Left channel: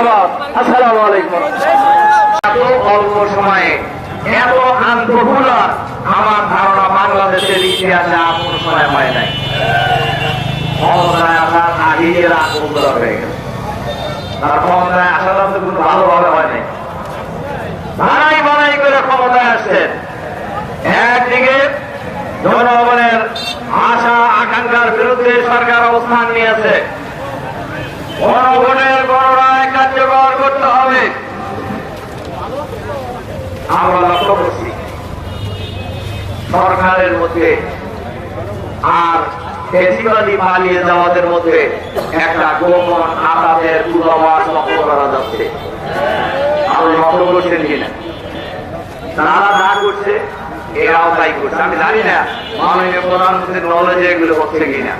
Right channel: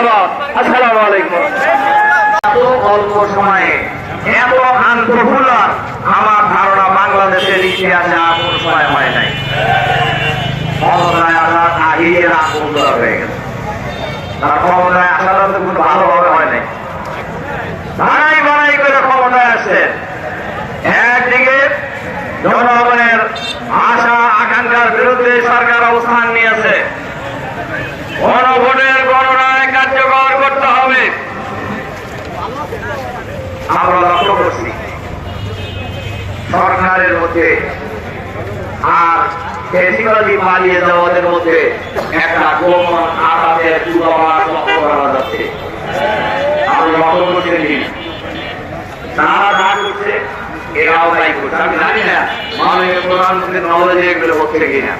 জিন্দাবাদ। আসসালামু আলাইকুম। এত অল্প সময়ে এত আন্তঃফুলার আমার ধারণা বাংলাদেশের ইতিহাসে আর কোন সময় হয় নাই। ক্ষমতায় আসার আগেই এরা আন্তঃফুলার হয়ে গেছে। তারা ক্ষমতায় আসার তো কোনো ভালোভাবে হয় নাই, বাড়াই বাড়াই করে ক্ষমতায় আসছেন। একদিকে জনগণের আশা আকাঙ্ক্ষার বিরুদ্ধে সরকার অবস্থান নিয়েছে। জনগণের গণনায় কার্যকর করতে হবে। আমরা লক্ষ্য করছি সরকারের মধ্যে আর ফেসিবাদী পালিয়ে যাওয়াদের মধ্যে একটা গোপন আঘাতের পূর্বাভাস লক্ষ্য করা যাচ্ছে। আমরা লক্ষ্য করছি তারা রাগ করছে, এরাও তাই করছে। আমি জানি না মাননীয় প্রধানমন্ত্রীর নলেজে এগুলো হচ্ছে কিনা।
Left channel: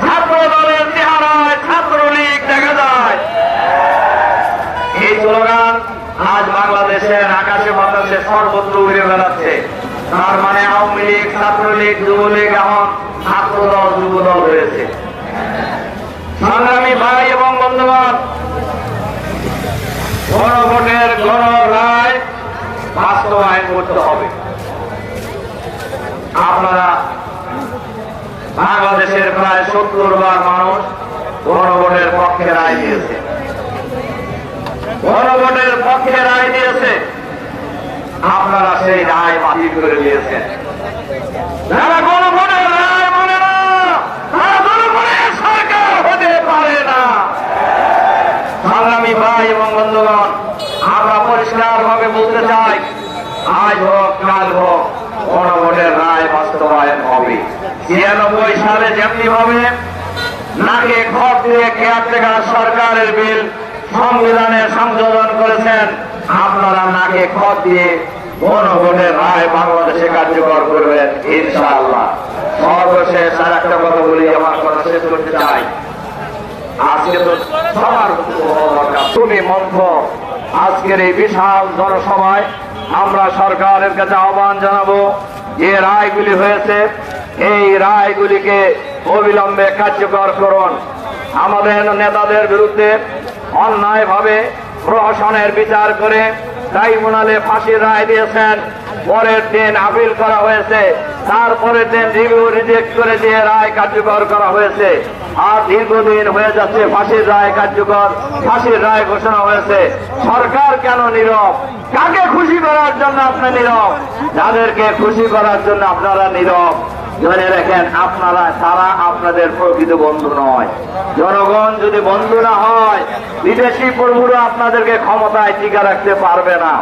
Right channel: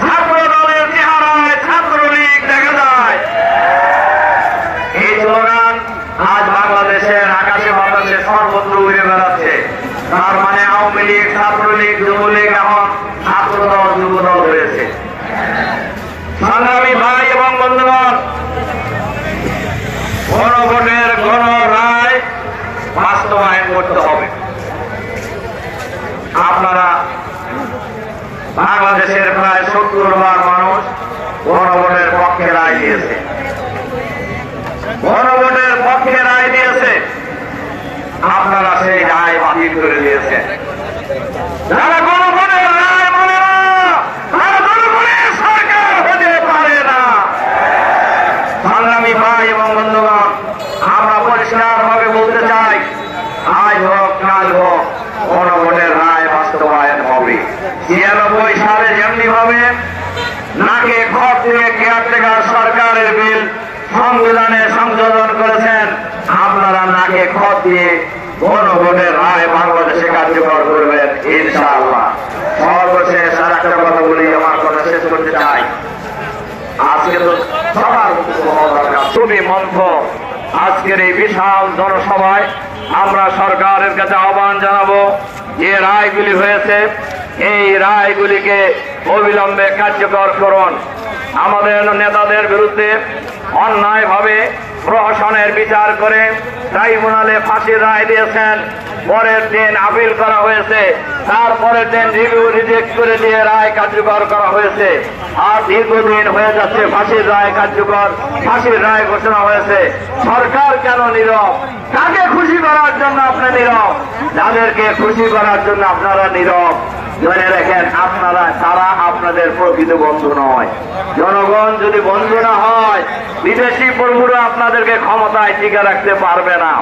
ছাত্র দলের চেহারায় ছাত্রলীগ দেখা যায়। এই স্লোগান আজ বাংলাদেশের আকাশে বাতাসে সর্বত্র উড়ে বেড়াচ্ছে। তার মানে আওয়ামী লীগ, ছাত্রলীগ, যুবলীগ এখন ছাত্রদল যুবদল হয়েছে। সংগ্রামী ভাই এবং বন্ধুগণ, গণভোটের গণ রায় বাস্তবায়ন করতে হবে। আপনারা বাংলাদেশের প্রায় 70 ভাগ মানুষ গণভোটের পক্ষে রায় দিয়েছে, গণভোটের পক্ষে রায় দিয়েছে। আপনারা সেই রায় বাতিল করে দিয়েছেন। যারা গণভোটের রায় মানে না তারা জনগণের সরকার হতে পারে না। সংগ্রামী ভাই এবং বন্ধুগণ, আমরা পরিষ্কার ভাবে বলতে চাই, আজ হোক কাল হোক গণভোটের রায় বাস্তবায়ন হবে। 96 সালে যেমনি ভাবে নাকে খড় দিয়ে কেয়ারটেকার সরকারের বিল সংবিধানে সংযোজন করেছেন, আপনারা নাকে খড় দিয়ে গণভোটের রায় বাংলাদেশে কার্যকর করবেন ইনশাআল্লাহ। সর্বশেষ আর একটা কথা বলি, আমার কথা শেষ করতে চাই। আজকে তো সবার তুমি মন্থ আজকের এই বিশাল জনসভায় আমরা সরকারের কাছে আহ্বান জানাবো, যে রায়গুলি হয়েছে এই রায়গুলিকে অবিলম্বে কার্যকর করুন। আমাদের নেতাদের বিরুদ্ধে অন্যায়ভাবে প্রশাসনের বিচার করে ট্রাইব্যুনালে ফাঁসির রায় দিয়েছেন, পরের দিন আপিল করা হয়েছে, তারপরের দিন রিভিউ রিজেক্ট করে দিয়ে রায় কার্যকর করা হয়েছে। আর দীর্ঘদিন হয়ে যাচ্ছে ফাঁসির রায় কার্যকর, ফাঁসির রায় ঘোষণা হয়েছে। সরকার কেন নীরব? কাকে খুশি করার জন্য আপনি নীরব? যাদেরকে খুশি করার জন্য আপনারা নীরব, ধরে রাখেন আপনারা তারা আপনাদের প্রকৃত বন্ধু নয়। জনগণ যদি বন্ধু না হয়, বিদেশি প্রভুরা আপনাদেরকে ক্ষমতায় টিকে রাখতে পারবে না।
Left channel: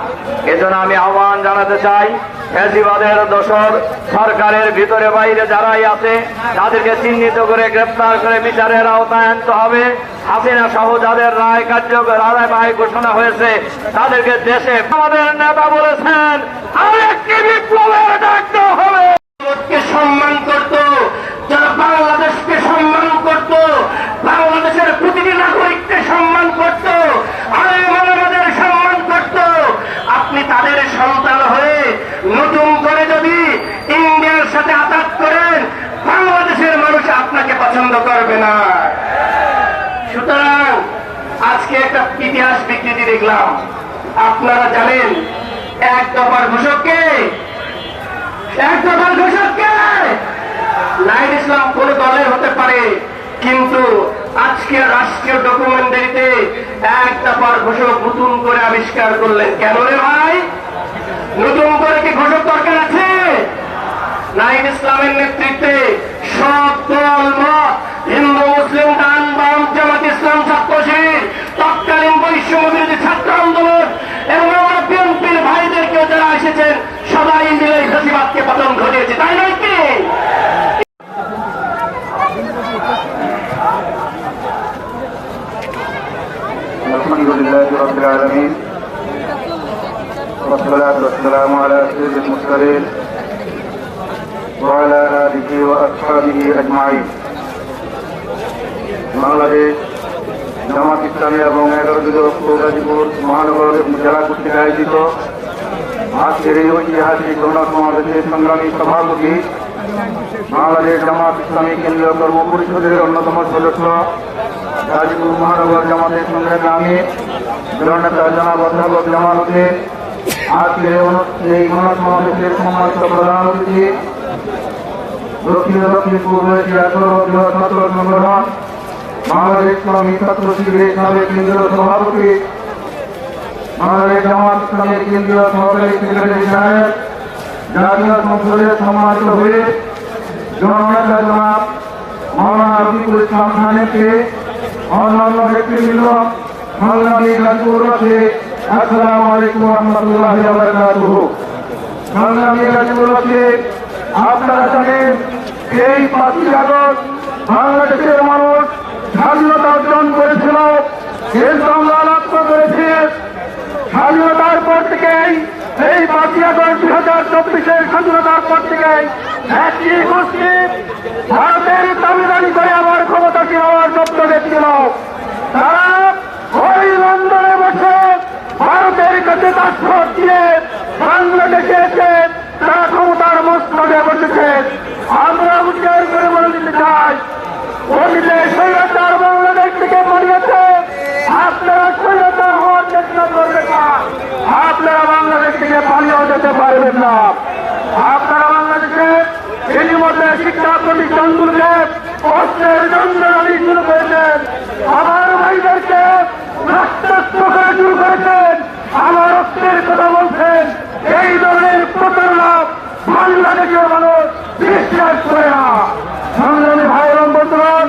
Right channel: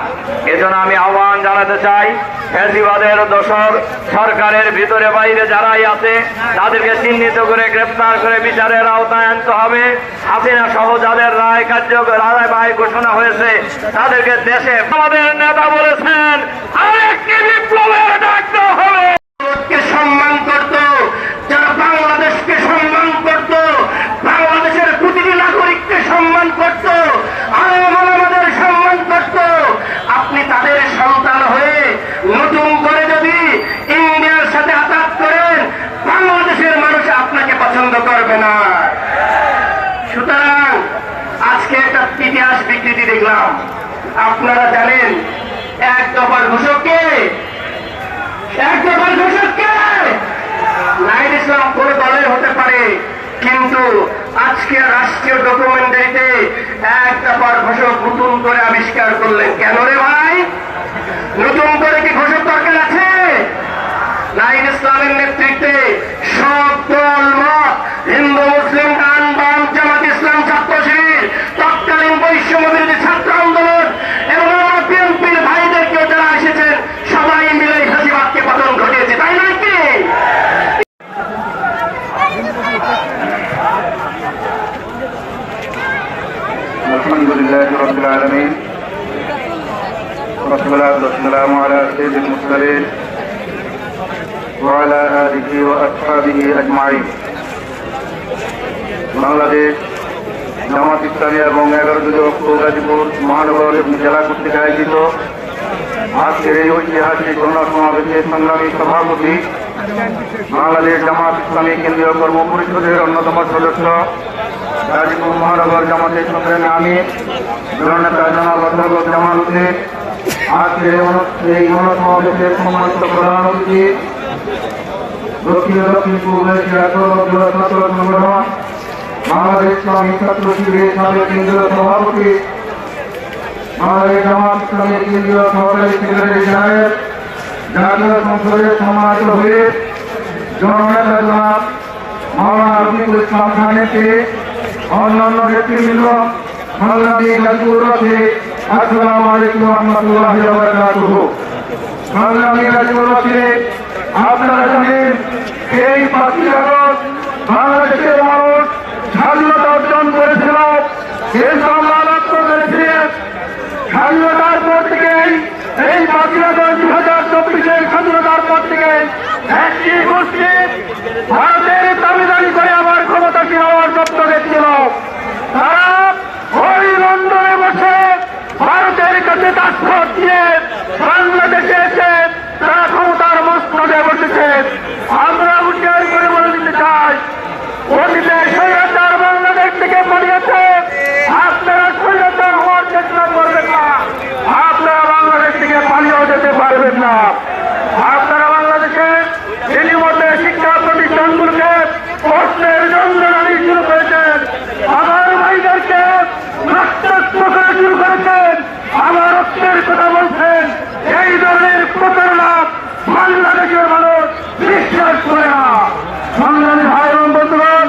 এজন্য আমি আহ্বান জানাতে চাই, ফ্যাসিবাদের দোসর সরকারের ভিতরে বাইরে যারাই আছে তাদেরকে চিহ্নিত করে গ্রেপ্তার করে বিচারের আওতায় আনতে হবে। হাসিনা সহ যাদের রায় কার্যকর রায় ঘোষণা হয়েছে তাদেরকে দেশে, আমাদের নেতা বলেছেন আরেকটি বিপ্লবের ডাক দেওয়া হবে। সম্মান করত, যারা বাংলাদেশকে সম্মান করত, বাংলাদেশের প্রতিটি নাগরিককে সম্মান করত, আমাদের সম্মান করত, আপনি তাদের সন্তান হয়ে নতুন করে যদি ইন্ডিয়ার সাথে আঘাত করেন, বাংলাদেশের মানুষ আপনাকে পছন্দ করবে না। সুতরাং আজকে একটা ইতিহাস বিকৃতি দেখলাম। আপনারা জানেন এক দফার ঘোষককে, এক দফার ঘোষককে নাহিদ ইসলাম কোন দলের হতে পারে, কিন্তু আজকে রাষ্ট্রীয় ডকুমেন্টারিতে এক দফার ঘোষক নতুন করে আবিষ্কার করলেন। কেন রে ভাই, নতুন করে কি ঘোষক দরকার আছে? নাহিদ ইসলামের নেতৃত্বে সব দল মত, হিন্দু মুসলিম ডান বাম, জামাত ইসলাম, ছাত্র শিবির, তৎকালীন বৈষম্য বিরোধী ছাত্র আন্দোলন এবং আমার বিএনপির ভাইদেরকে যারা এসেছেন সবাই মিলে ফ্যাসিবাদকে পতন ঘটিয়েছে, তাই নয় কি? আলহামদুলিল্লাহ রাব্বিল আলামিন, والصلاة والسلام على سيد المرسلين وعلى آله وأصحابه أجمعين। বাংলাদেশ জামাত ইসলামী এবং 11 যুবক গাজীপুর মহানগর এবং জেলা কর্তৃক আয়োজিত আজকের এই ঐতিহাসিক গণসমাবেশের সংগ্রামী সভাপতি বাংলাদেশ জামাত ইসলামী কেন্দ্রীয় কর্ম পরিষদের অন্যতম সদস্য গাজীপুর মহানগর জামাতের সঙ্গে আমি জননেতা জামাল উদ্দিন আজকে এই গণসমাবেশের সম্মানিত প্রধান অতিথি দক্ষিণ পূর্ব এশিয়ার সর্ববৃহৎ ছাত্র সংগঠন বাংলাদেশ ইসলামী ছাত্র শিবিরের সাবেক কেন্দ্রীয় সভাপতি বাংলাদেশ জামাত ইসলামের কেন্দ্রীয় সহকারী সেক্রেটারি সাহেব জাতীয় সংসদের সম্মানিত হয়ে জননেতা জনাব মাওলানা রফিকুল ইসলাম খানেতে অন্যান্য ব্যক্তিবৃন্দ সংগ্রামী গাজীপুরবাসী আসসালামু আলাইকুম রহমতুল্লাহি ওয়া বারাকাতুহু। সংগ্রামী গাজীপুরবাসী, আপনারা জানেন এই 5ই আগস্ট বাংলাদেশের মানুষ স্বাধীনতা অর্জন করেছিল, এই সংগ্রাম করেছে। স্বাধীনতার পর থেকেই এই 5ই আগস্ট 2024-এর স্বাধীনতার পর থেকে একটি গোষ্ঠী ভারতের দাবিদারি করে আবার ক্ষমতাসীন হওয়ার স্বপ্ন দেখছিল। তারা ওই লন্ডনে বসে ভারতের কাছে দাসখত দিয়ে বাংলাদেশে এসে তারা ক্ষমতার মস্তকে বসেছে। আমরা উচ্চার করে বলে দিতে চাই, অতীতে স্বৈরাচার বাংলাদেশ থেকে পালিয়েছে, আপনারা স্বৈরাচার হওয়ার চেষ্টা করবেন না। আপনারা বাংলাদেশ থেকে পালিয়েও যেতে পারবেন না। আপনারা বাংলাদেশে ইতিমধ্যে শিক্ষা প্রতিষ্ঠানগুলোকে কষ্টের যন্ত্রণা শুরু করেছেন, আমার ভাইদেরকে রক্তাক্ত করে শুরু করেছেন, আমার রক্তের কথা বলছেন। এই ধরনের প্রতারণা বাংলাদেশের মানুষ বিশ্বাস করে না। সংগ্রামী ভাই এবং বন্ধুগণ,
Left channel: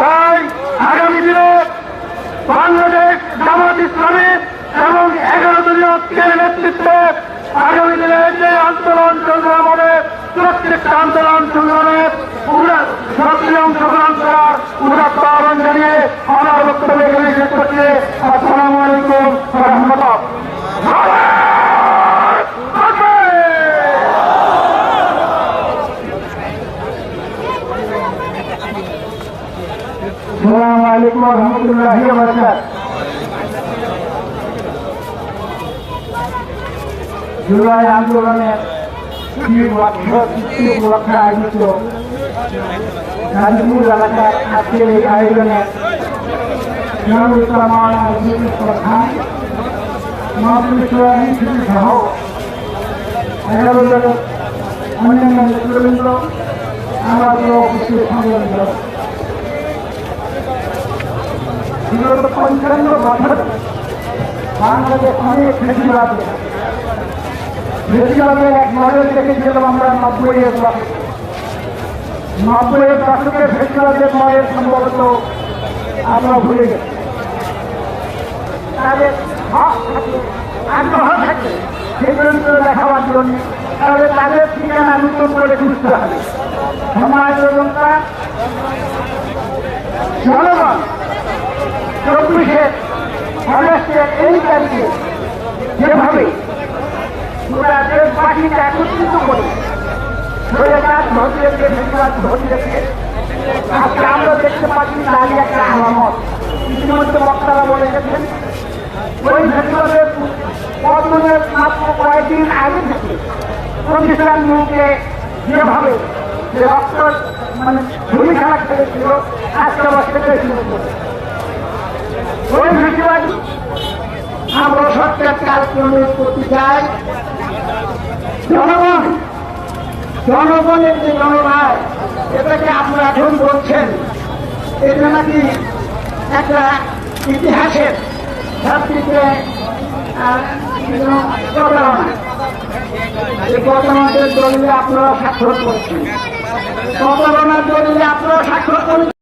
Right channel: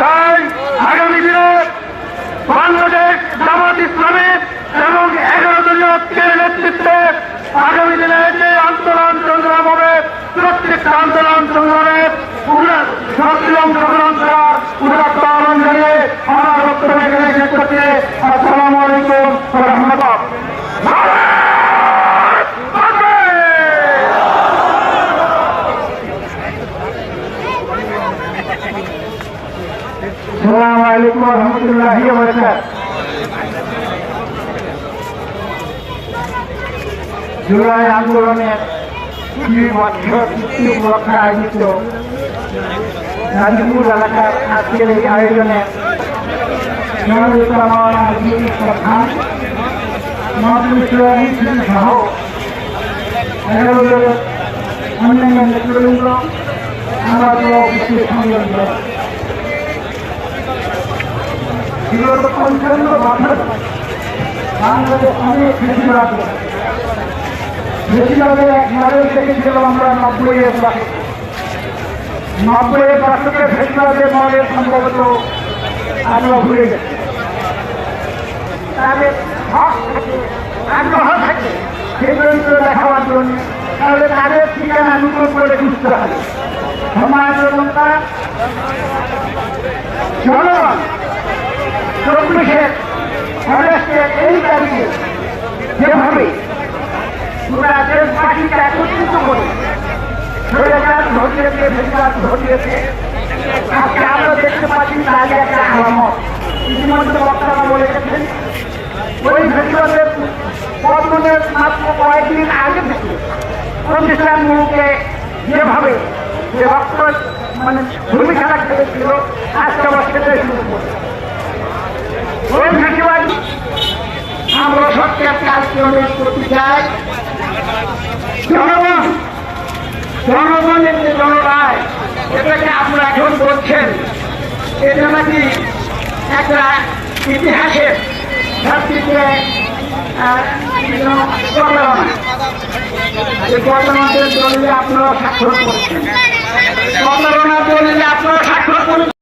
তাই আগামী দিনে বাংলাদেশ জামাত ইসলামী এবং 11 দলীয় ঐক্যের নেতৃত্বে আগামী দিনে যে আন্দোলন সংগ্রাম হবে, প্রত্যেকটা আন্দোলন সংগ্রামে সক্রিয় অংশগ্রহণ করার পালন থেকে আমার বক্তব্য শেষ করতে আসসালামু আলাইকুম ওয়া রাহমাতুল্লাহ। আসসালামু আলাইকুম ওয়া রাহমাতুল্লাহি ওয়া বারাকাতুহু। জুলাই আন্দোলনের 20 বছর পূর্তি উপলক্ষে আয়োজিত গাজীপুর এলাকার আজকের এই আয়োজনে সহ 11 জনের অন্যান্য নেতৃবৃন্দ আমাদের উপস্থিত সংগ্রামী বিগত 55 বছর বাংলাদেশ অনেক ফেসিবাদ বেশিরভাগের এক মডেল দেখেছিলাম আমরা 90-এর দশকে। 90-এর দশকের বেশিরভাগের মডেল সম্ভবত আমরা ভুলে গেছি। তাদের হক থাকে, আগ্রহ থাকে সেই চরিত্র দেখাবার জন্য, তাহলে তাদের ঠিকানা নতুন করে খুঁজতে হবে। জনগণ 24-এর আগস্টের এই তারিখে যেভাবে দেশবাসীকে একত্রিত করে স্বৈরাচার ঘটিয়েছে, ফেসিবাদ ঘটিয়েছে, আজকে আমরা দেখতে পাচ্ছি তারই একটা আলামত। ইতিমধ্যে বক্তারা বলে গেছেন, ওই ফেসিবাদের পতনের মাত্র কয়েকদিন আগে থেকে প্রতিষ্ঠানগুলোকে যেভাবে যে রক্ত ভূমি খেলা খেলেছিল, আজকে আবার সেটাই শুরু করে ওই ফেসিবাদ। আমরা সত্যের কাজ করতে চাই। জনগণের যে জনরায়, এটাকে আপনারা এখন বলছেন এটা নাকি একটা ইতিহাসের ভিত্তিতে ঘটনাদের দলিলে আপনারা স্বাক্ষর করছেন, ঘটনার দলিলে আপনারা স্বাক্ষর করছেন।